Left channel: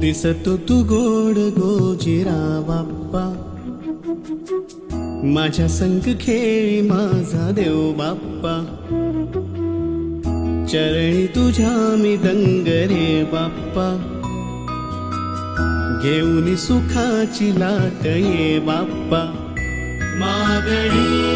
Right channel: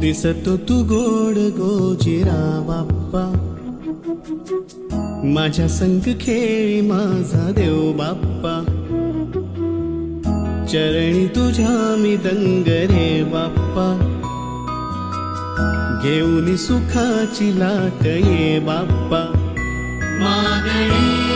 दिसतो तू गोड गोजिरा बाप्पा, माझ्या संग खेळी माझा देव बाप्पा, चरणी तुझ्या मी दंग रे बाप्पा, घेऊन सुखाची लाट ये बाप्पा, मागणी